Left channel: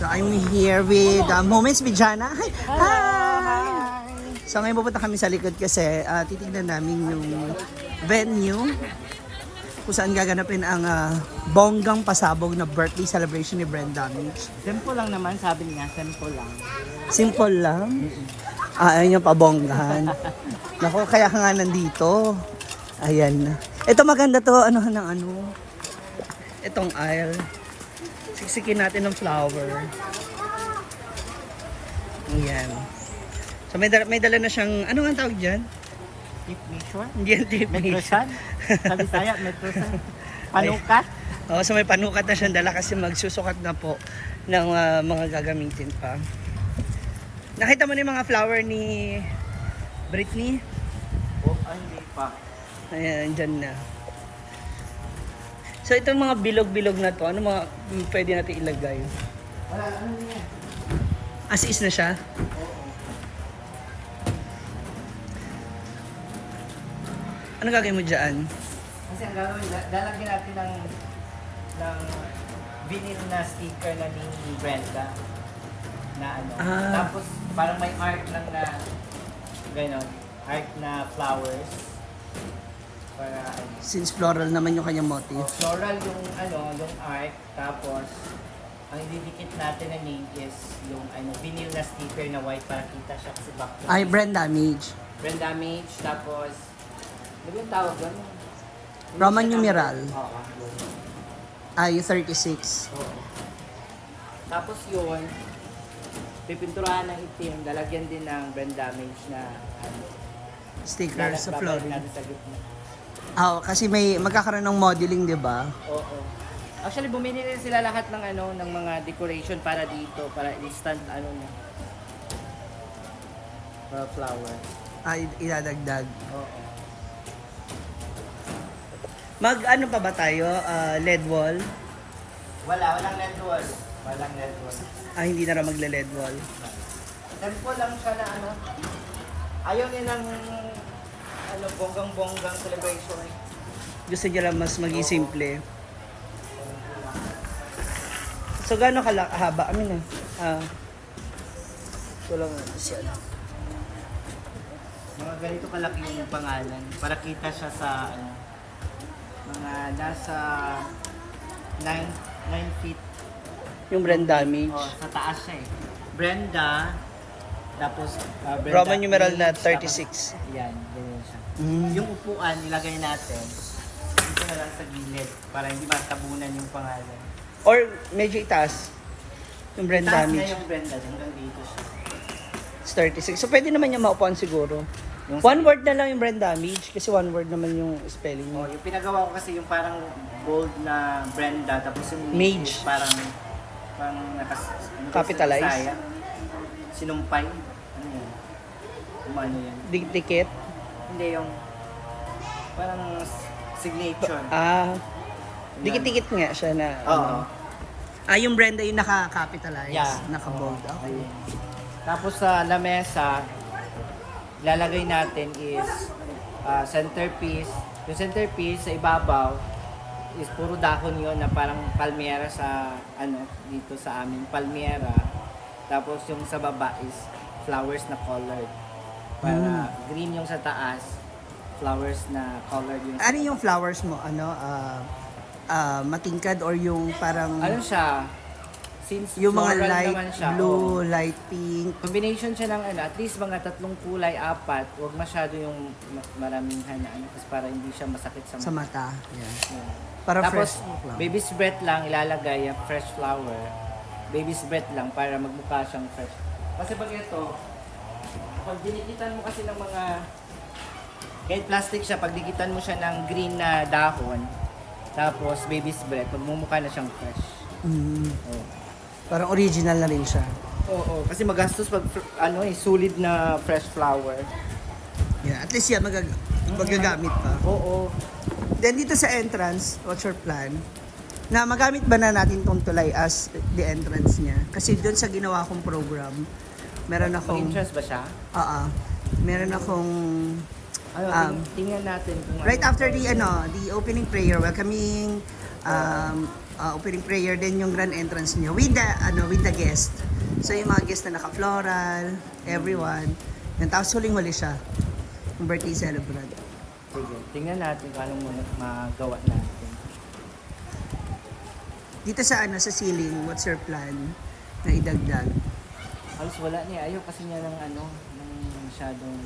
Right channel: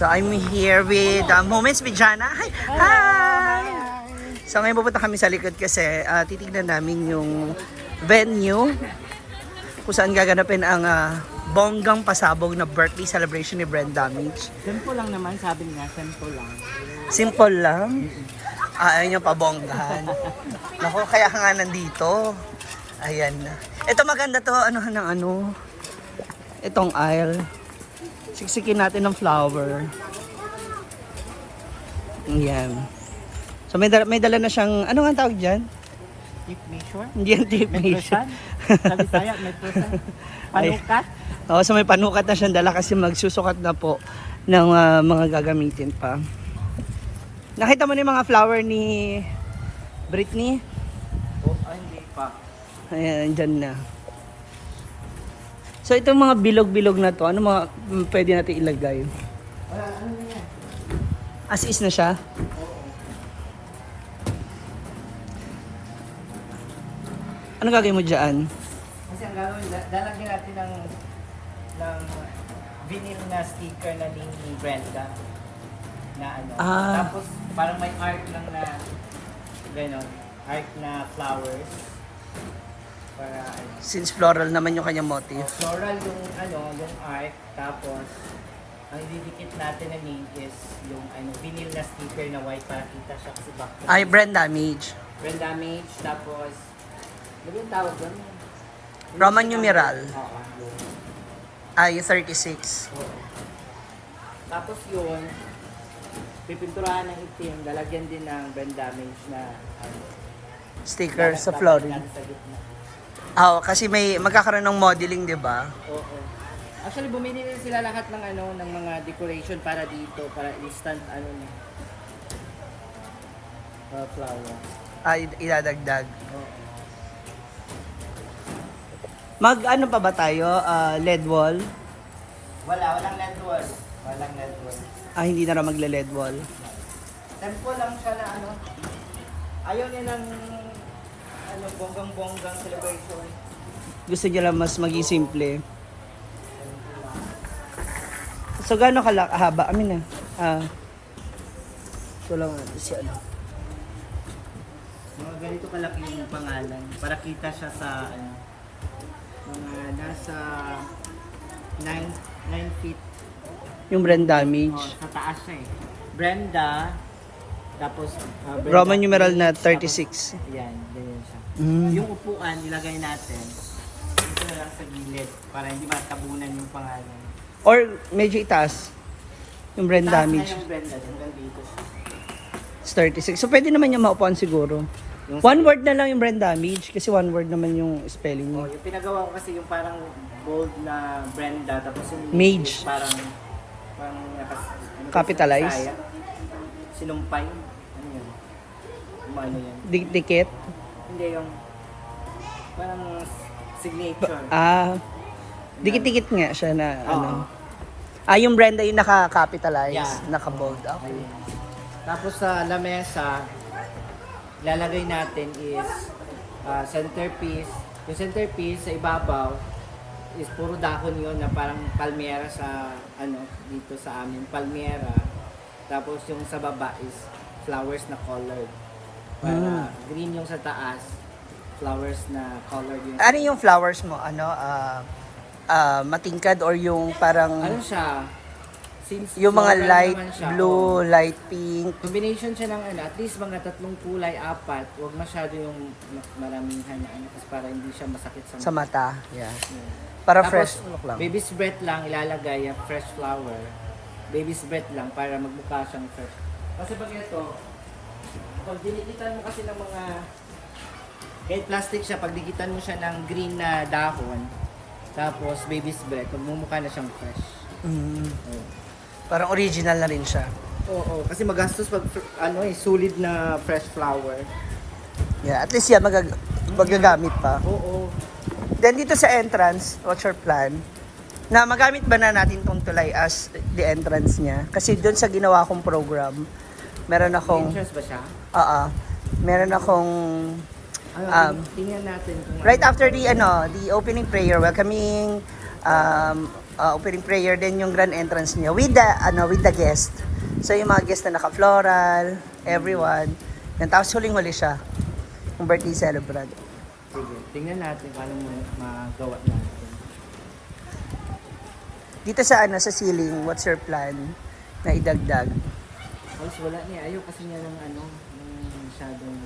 So I'm here with Moments with Jana. Hi! Hi! So ngayon pupunta kami sa likod kasi titignan namin yung venue kung saan gaganapin ang bonggang pasabog na birthday celebration ni Brenda Mitch. Simple lang naman, sabi nga, simple lang. Simple lang. Ayun yung pabonggahan. Naku, kaya ka nga nandito. Ayan. Ito maganda to, ano ng ano. Itong aisle. Siksikin natin ng flower. Ayan. So may dala na siyang, ano nga tawag dyan? Tape measure? Hindi yan tape measure. Metrosan? Sa Bisaya, metrosan. Panukat? Oo, so may panukat na siyang dala kasi magsusukat na po ng mga gagamitin pa. Nakita mo na yung mga flower ni Britney? Hindi pa. Ayan, dyan na. So itong mga bilog-bilog na to, ano mga pwede natin ilagay? Wala, ano niya? As is na siya? Oo. Ano gagawin mo dyan? Kasi ang gagawin, lalagyan natin ng vinyl na sticker na ni Brenda. Na ano. Tapos parang may art lang na gano'n. Art na flowers. Para ano. Since floral naman yung kanyang motif. Floral yung ano, yung art. Tapos ang ididikit natin na name is yung ano, vinyl na sticker na white para kita siya kasi back. Ay, brand damage. Brand damage. Tapos ano yung tawag doon? Roman numeral. Oo. Ay, 36. Oo. Tapos yun, pipinturahan ng itim, lalagyan din ng brand damage na ano, Sticker sa babalik flooring. natin sa gitna. Kasi may magkakaroon ng modeling, di ba? Oo. Actually, bumili rin sila lahat ng ano, ng mga decoration para dito, para instant ano na. Flower. Ay, idadagdag. Oo. Ano pa ba tayo? LED wall? Walang LED wall. Walang LED wall. Hindi na raw magle-LED wall. Tempo lang siya na ano. Ayaw niya ng ano, bonggang-bonggang celebration. Gusto niya lang mas maging simple. So, gaano kahaba? So lang siya. Mga ganito kalaki yung pangalan para kita siya sa ano, mga nasa 9 feet. Yung brand damage. Sa taas siya eh. Brenda, tapos Brenda Roman numeral na Mitch, 36. Tapos, yan, ganyan siya. Mm. Yung upuan, ilagay natin dito na lang sa gilid para hindi matabunan yung pangalan. Or medyo itaas. Yung brand Taas na damage. yung Brenda, hanggang dito siya. It's 36. So, pwede naman yung maupuan siguro. Yung One word na lang yung brand damage kasi one word naman yung spelling mo. yung pinagawa ko kasi yung parang bold na Brenda, tapos yung Mage. parang Capitalize. Bisaya. Sinumpay. Ano yun? Ano yan? Dikit. Hindi yung parang signature. Dikit-dikit nga siya na. Oo. Yung Brenda yung naka-capitalize, Yeah. naka-bold. Okay. Ayun. Tapos sa lamesa, lalagay natin is centerpiece. Yung centerpiece sa ibabaw is puro dahon yon na parang palmera sa ano dito sa amin, palmera. Tapos yung sa baba is flowers na colored. Para green yung sa taas, flowers na colored yung. Ano yung flowers mo? Matingkad or yung parang Ano siya? Since yung mga floral light naman siya, blue, light pink. combination siya ng ano, at least mga 3 kulay, 4. Huwag masyado yung maramihan na ano kasi para hindi siya masakit sa Sa mata. mata. Yeah. Yeah. Para Tapos, fresh look lang. baby's breath lang ilalagay yung fresh flower. Baby's breath lang para magmukha siyang fresh. Kasi pag ito, pag dinikitan mo kasi ng mga kahit plastic siya, pag dikitan mo siya ng green na dahon, tapos baby's breath, magmumukha na siyang fresh. Oh. Parang original na rin siya. Oo, kasi magastos pag solid na fresh flower. Yeah, at least yan magagamit pa. Oo. Then dito sa entrance, what's your plan? Na magamit ba na natin tong tulay as the entrance niya? Kasi doon sa ginawa kong program, meron akong Interest ba siya? meron akong Tingnan natin kung right after the opening prayer, welcoming opening prayer din yung grand entrance niya with the guest. So yung mga guest na naka-floral, everyone. Yan, tapos huling-huli siya. Yung birthday celebrant. Sige, tingnan natin kung anong magawa natin. Dito sa sa ceiling, what's your plan na idagdag? Halos wala niya. Ayaw kasi niya ng ng masyadong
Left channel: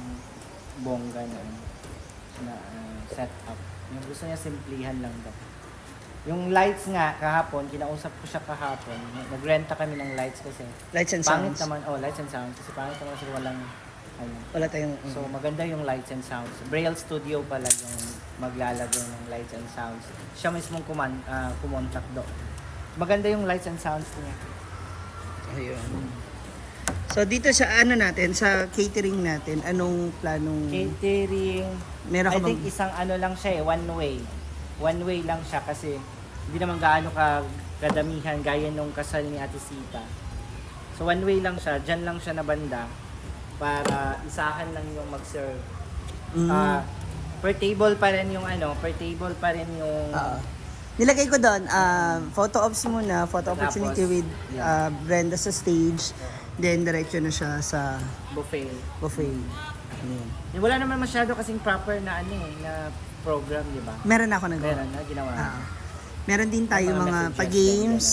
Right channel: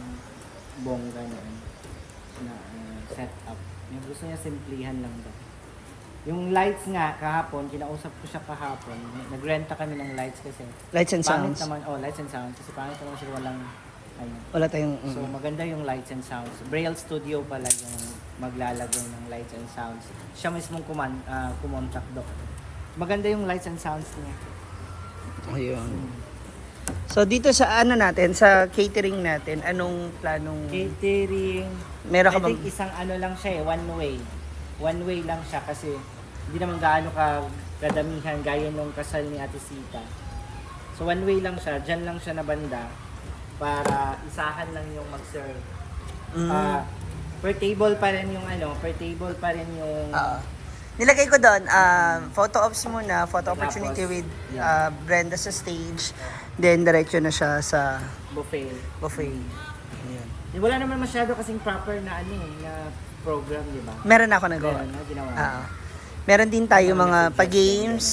bongga na setup. Yung gusto niya simplihan lang daw. Yung lights nga, kahapon, kinausap ko siya kahapon. Nagrenta kami ng lights kasi. Lights and Pangit sounds. naman, lights and sounds. Kasi pangit naman kasi walang, Wala tayong... So maganda yung lights and sounds. Braille Studio pala yung maglalagay ng lights and sounds. Siya mismong kumontak doon. Maganda yung lights and sounds niya. Ayun. So dito sa natin, sa catering natin, anong planong... Catering, Meron ka I think bang... isang lang siya one way. One way lang siya kasi hindi naman gaano kadamihan gaya nung kasal ni Ate Sita. So one way lang siya, dyan lang siya na banda para isahan lang yung mag-serve. Per table pa rin yung Nilagay ko doon, photo ops muna, photo Tapos, opportunity with yeah. Brenda sa stage. Then diretso na siya sa buffet. buffet. Ayan. Wala naman masyado kasing proper na na program, di ba? Meron ako nagawa. Meron na ginawa. Meron din tayo Mga mga messages, pag-games.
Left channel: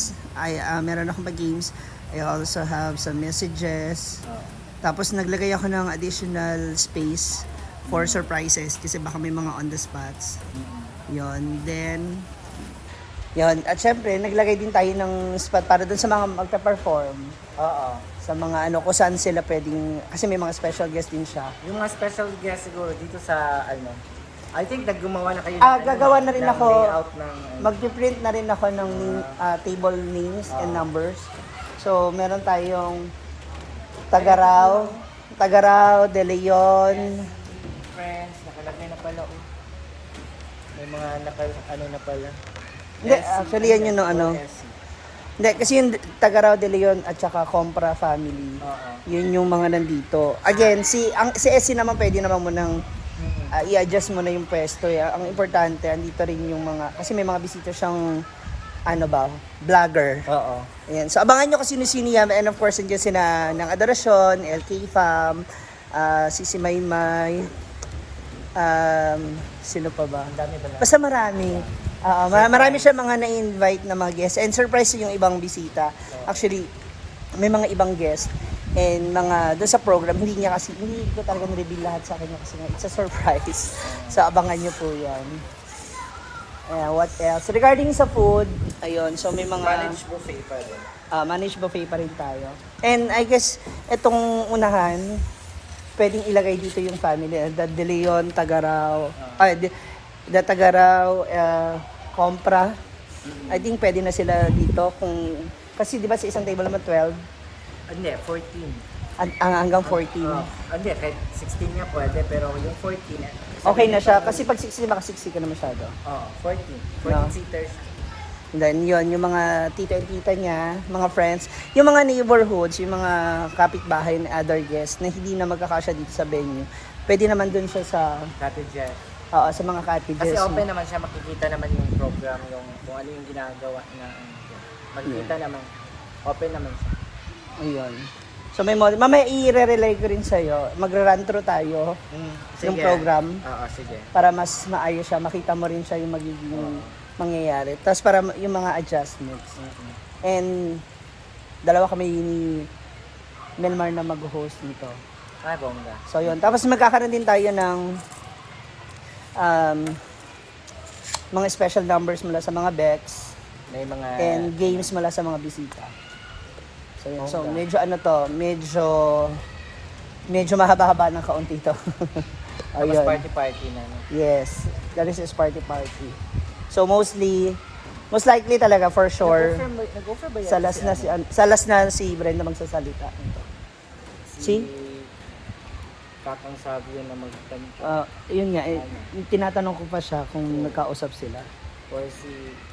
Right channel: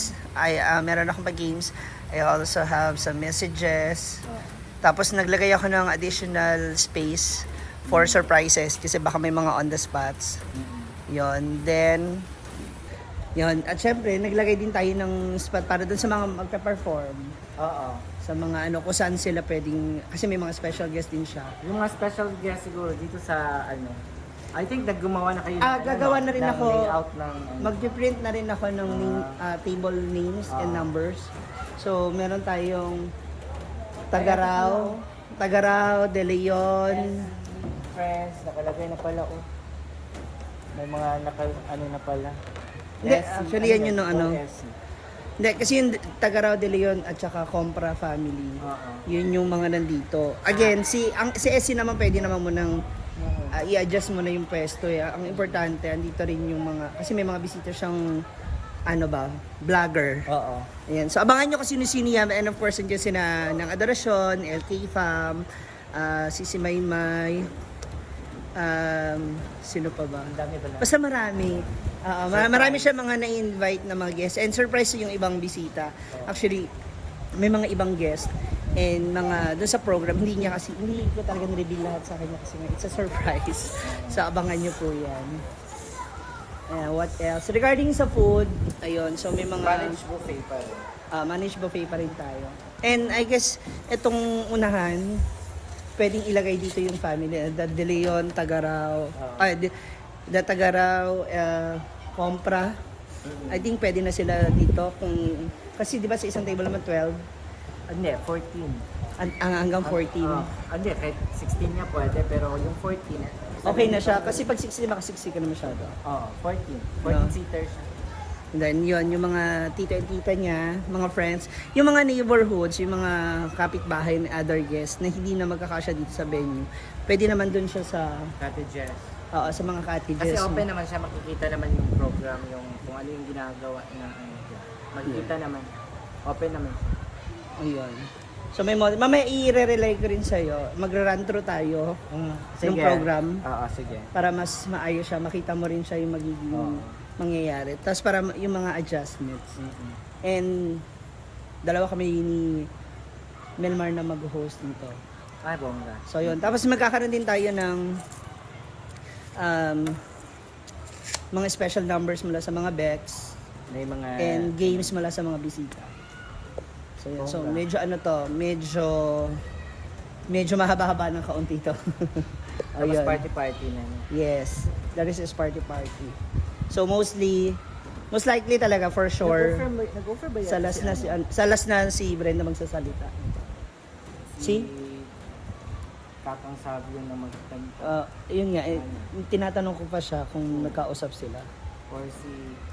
Meron akong pag-games. I also have some messages. Tapos naglagay ako ng additional space for surprises kasi baka may mga on the spots. Yon. Then, yon. At syempre, naglagay din tayo ng spot para dun sa mga magpa-perform. Oo. Sa mga kung saan sila pwedeng, kasi may mga special guest din siya. Yung mga special guest siguro dito sa I think naggumawa na kayo Gagawa na rin ng ako. layout ng Mag-print na rin ako ng table names and numbers. So, meron tayong Tagaraw, De Leon. friends, nakalagay na pala ko. May mga na pala. Hindi, actually yan yung Hindi, kasi yung Tagaraw, De Leon at saka Compra family. Yun yung mga nandito. Again, si SC naman pwede naman mo nang i-adjust mo na yung pwesto. Ang importante, andito rin yung mga, kasi may mga bisita siyang vlogger. Oo. Ayan. So, abangan nyo kung sino-sino yan. And of course, nandiyan sila ng Adorasyon, LK Fam, Sisi Maymay, sino pa ba? Ang dami ba na? Basta marami. Marami siya mga na-invite na mga guests. And surprise yung ibang bisita. Actually, may mga ibang guests. And mga doon sa program, hindi ko talaga na-reveal lahat sa kanya kasi nga, it's a surprise. So, abangan nyo po yan. What else? Regarding sa food, ayun, so may mga... Managed buffet pa rin. Managed buffet pa rin tayo. And I guess, itong unahan, pwedeng ilagay dito yung family. The De Leon, Tagaraw, the Tagaraw, Compra. I think pwede na sila dito kasi di ba sa isang table naman 12? Hindi, 14. Hanggang 14. Hindi, kahit 16 nga pwede, pero yung 14. Okay na siya. Kasi pag 16, maka-60 ka na masyado. 14. 14 seaters. And then yun, yung mga tita and tita niya, mga friends, yung mga neighborhoods, yung mga kapitbahay and other guests na hindi na magkakasya dito sa venue, pwede naman dun siya sa Cottages. sa mga cottages. Kasi open naman siya, makikita naman yung program, yung kung ano yung ginagawa na makikita naman. Open naman siya. Ayun. So may mamaya i-relay ko rin sa'yo. Magra-run through tayo ng program. Oo, sige. Para mas maayos siya. Makita mo rin siya yung magiging mangyayari. Tapos para yung mga adjustments. And dalawa kami ni Melmar na mag-host nito. Ay, bongga. So yun. Tapos magkakaroon din tayo ng mga special numbers mula sa mga bets. May mga... And games mula sa mga bisita. So, yun. So medyo mahaba-haba ng kaunti to. Tapos party-party na, no? Yes, that is party. So most likely talaga for sure. Nag-offer ba yan? Sa last na si Brenda magsasalita. Si Kakang Savio na magkanta. Yun nga, tinatanong ko pa siya kung nagkausap sila. Or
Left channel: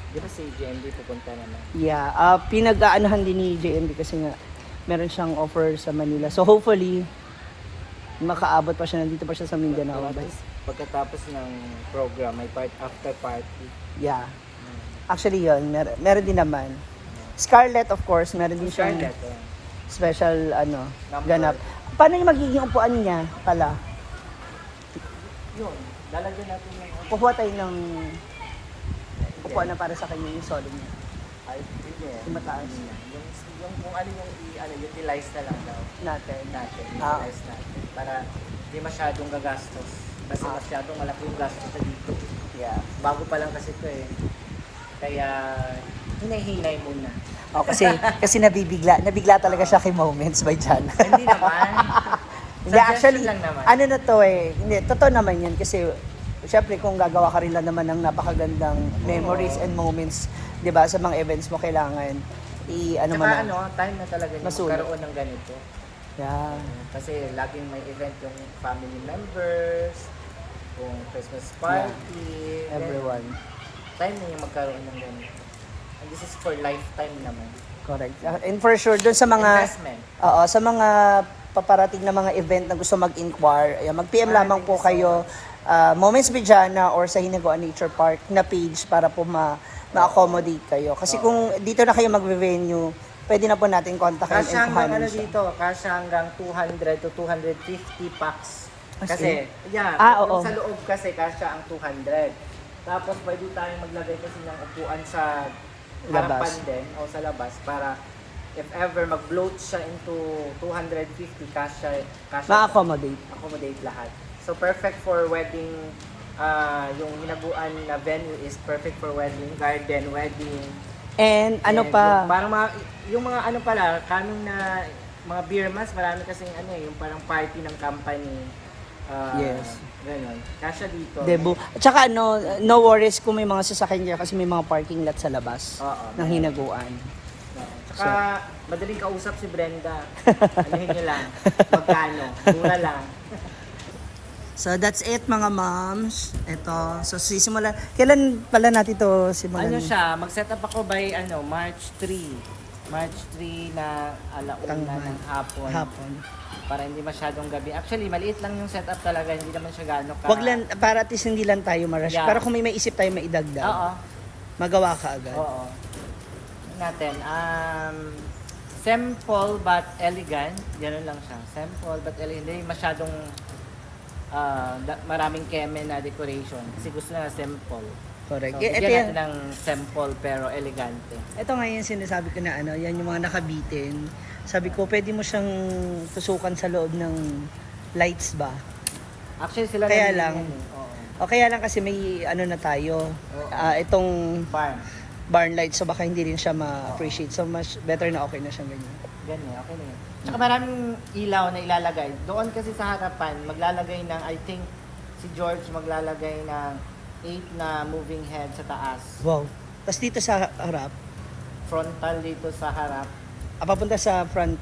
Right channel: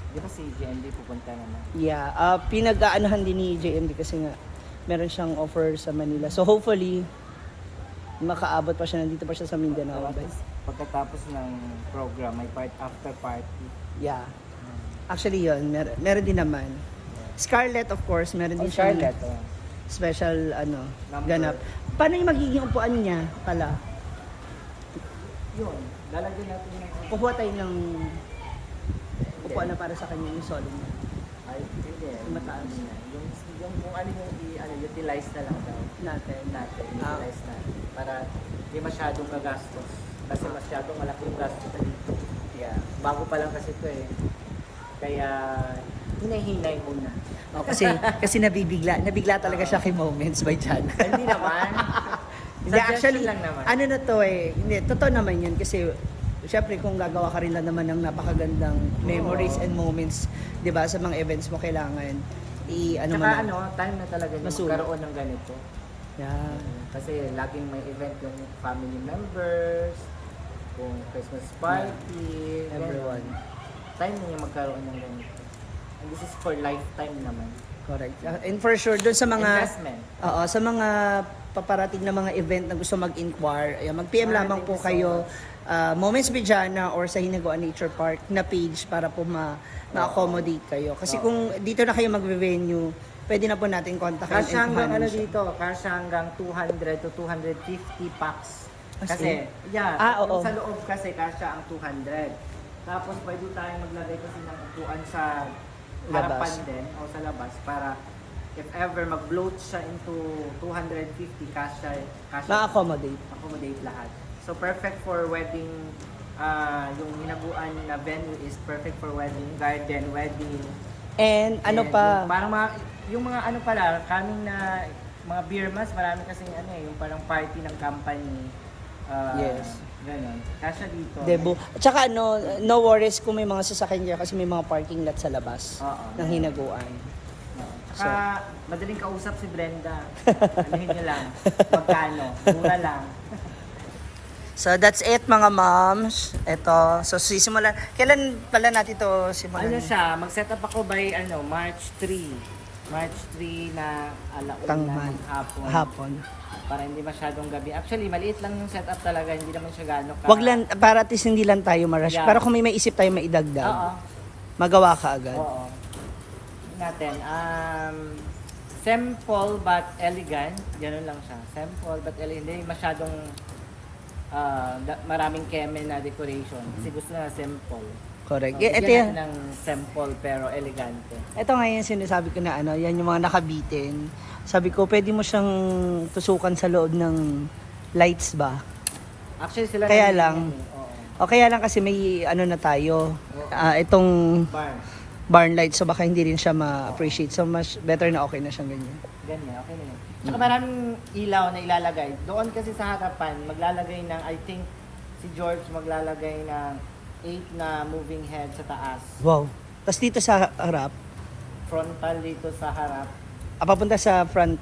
di ba si JMD pupunta naman? Yeah, pinag-aanohan din ni JMD kasi nga meron siyang offer sa Manila. So hopefully makaabot pa siya, nandito pa siya sa Mindanao. Pagkatapos ng program, may after party. Yeah. Actually yun, meron din naman. Scarlett, of course, meron din siyang Scarlett, special Number. ganap. Paano yung magiging upuan niya pala? Yun, lalagyan natin ng... Kukuha tayo ng upuan na para sa kanya yung solid niya. Ay, hindi. Yung mataas. Yung kung ano yung utilize na lang daw Natin. utilize natin. Para hindi masyadong gagastos. Kasi masyadong malaki yung gastos na dito. Yeah. Bago pa lang kasi ito eh. Kaya, hinay-hinay muna. Oh, kasi nabigla talaga siya kay Moments by Jana. Hindi naman. Hindi, actually, lang naman. ano na to eh, hindi, totoo naman yan kasi syempre kung gagawa ka rin lang naman ng napakagandang memories and moments, di ba, sa mga events mo kailangan Tsaka time na talaga yung Masulat. magkaroon ng ganito. Yeah. Kasi laging may event yung family members, kung Christmas party, Everyone. Time na yung magkaroon ng ganito. And this is for lifetime naman. Correct. And for sure, dun sa mga Investment. Oo, sa mga paparating na mga event na gusto mag-inquire, ayan, mag-PM lamang po thank you so kayo Moments Bijana or sa Hinagoan Nature Park na page para po ma-accommodate kayo. Kasi kung dito na kayo mag-venue, pwede na po natin kontakin Kasya and hanggang kuhanin ano siya. dito, kasya hanggang 200 to 250 packs. Kasi, yung oo. sa loob kasi kasya ang 200. Tapos pwede tayong maglagay kasi ng upuan sa harapan Labas. din o sa labas para if ever mag-bloat siya into 250, kasya Ma-accommodate. lahat. So perfect for wedding, yung hinaguan na venue is perfect for wedding, garden, wedding. And ano And pa? yung mga ano pala, kaming na mga beer mas, marami kasing yung parang party ng company. Yes. Ganon. Kasya dito. Debut. At saka no worries kung may mga sasakyan dyan kasi may mga parking lot sa labas Oo, ng meron. Hinaguan. Tsaka, madaling kausap si Brenda. Anuhin nyo lang. Magkano? Mura lang. So that's it mga moms. Ito. So sisimulan. Kailan pala natin ito simulan? Ano siya, mag-set up ako by March 3. March 3 na alauna ng hapon. Para hindi masyadong gabi. Actually, maliit lang yung setup talaga. Hindi naman siya gano'n ka... Wag lang, para at least hindi lang tayo ma-rush. Yeah. Pero kung may maisip tayo maidagdag, Oo. magawa ka agad. Oo. Natin. Simple but elegant. Ganun lang siya. Simple but elegant. Hindi masyadong maraming keme na decoration. Kasi gusto na simple. Correct. So, Ito bigyan yan. natin ng simple pero elegante. Ito nga yung sinasabi ko na yan yung mga nakabitin. Sabi ko, pwede mo siyang tusukan sa loob ng lights ba? Actually, sila Kaya nalilin lang. yan eh. Oo. O kaya lang kasi may na tayo. Oo. Itong Barn. barn light, so baka hindi rin siya ma-appreciate. So much better na okay na siyang ganyan. Ganyan, okay na yun. Tsaka maraming ilaw na ilalagay. Doon kasi sa harapan, maglalagay ng, I think, si George maglalagay ng 8 na moving head sa taas. Wow. Tapos dito sa harap, Frontal dito sa harap. papunta sa front.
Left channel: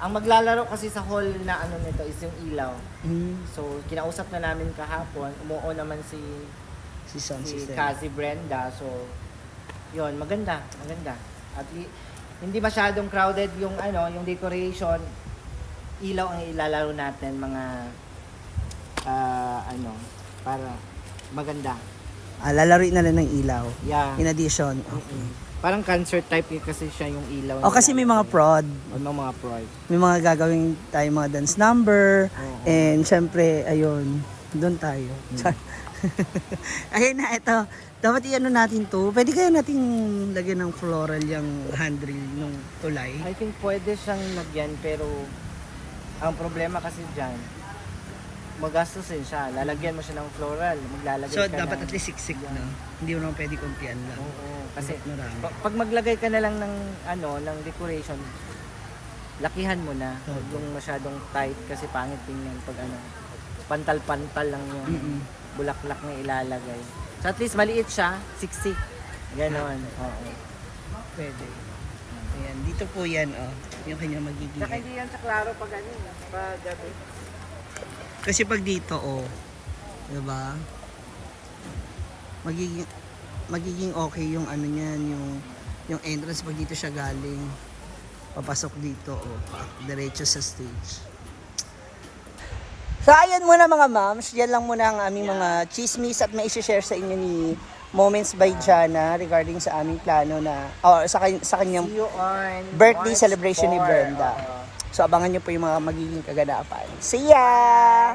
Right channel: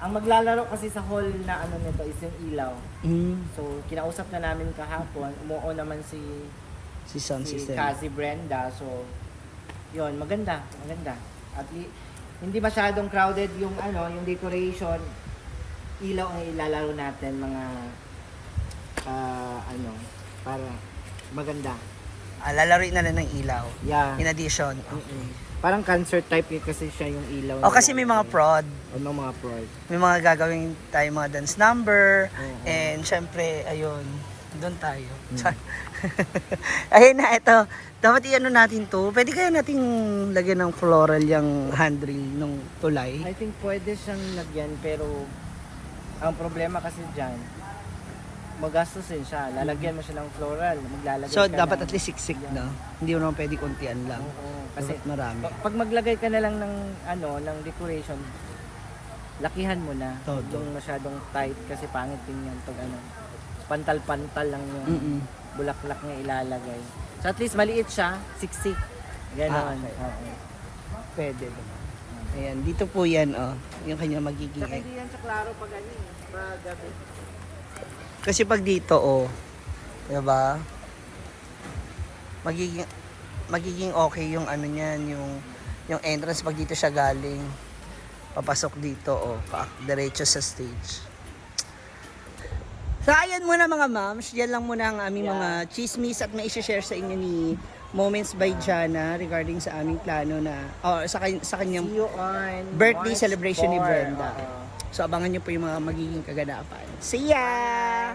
Ang maglalaro kasi sa hall na nito is yung ilaw. Mm, So, kinausap na namin kahapon. Umuo naman si si Kazi Brenda. So, yon maganda. At hindi masyadong crowded yung yung decoration. Ilaw ang ilalaro natin mga para maganda. Lalaroin na lang ng ilaw. Yeah. In addition. Parang concert type kasi siya yung ilaw. Kasi may mga prod. May mga prod. May mga gagawin tayo mga dance number. Oo. And syempre, ayun, doon tayo. Ayun na, ito. Dapat natin to. Pwede kaya nating lagyan ng floral yung handrail nung tulay. I think pwede siyang lagyan pero ang problema kasi dyan, magastusin siya. Lalagyan mo siya ng floral. Maglalagay So, ka dapat ng... at least siksik na. Hindi mo naman pwede kuntian lang. Oo. Kasi Marami. pag maglagay ka na lang ng ng decoration, lakihan mo na. Huwag yung masyadong tight kasi pangit tingnan pag pantal-pantal lang yung bulaklak na ilalagay. So at least maliit siya, siksik. Ganon. Oo. Pwede. Ayan, dito po yan, yung kanya magiging. Saka hindi yan sa klaro pag gabi. Kasi pag dito, diba? Magiging okay yung niyan, yung entrance pag dito siya galing. Papasok dito, diretso sa stage. So ayan muna mga moms, yan lang muna ang aming mga chismis at may isi-share sa inyo ni Moments by Jana regarding sa aming plano na sa kanyang See you on birthday March celebration ni 4. Brenda. Oo. So abangan niyo po yung mga magiging kaganapan. See ya!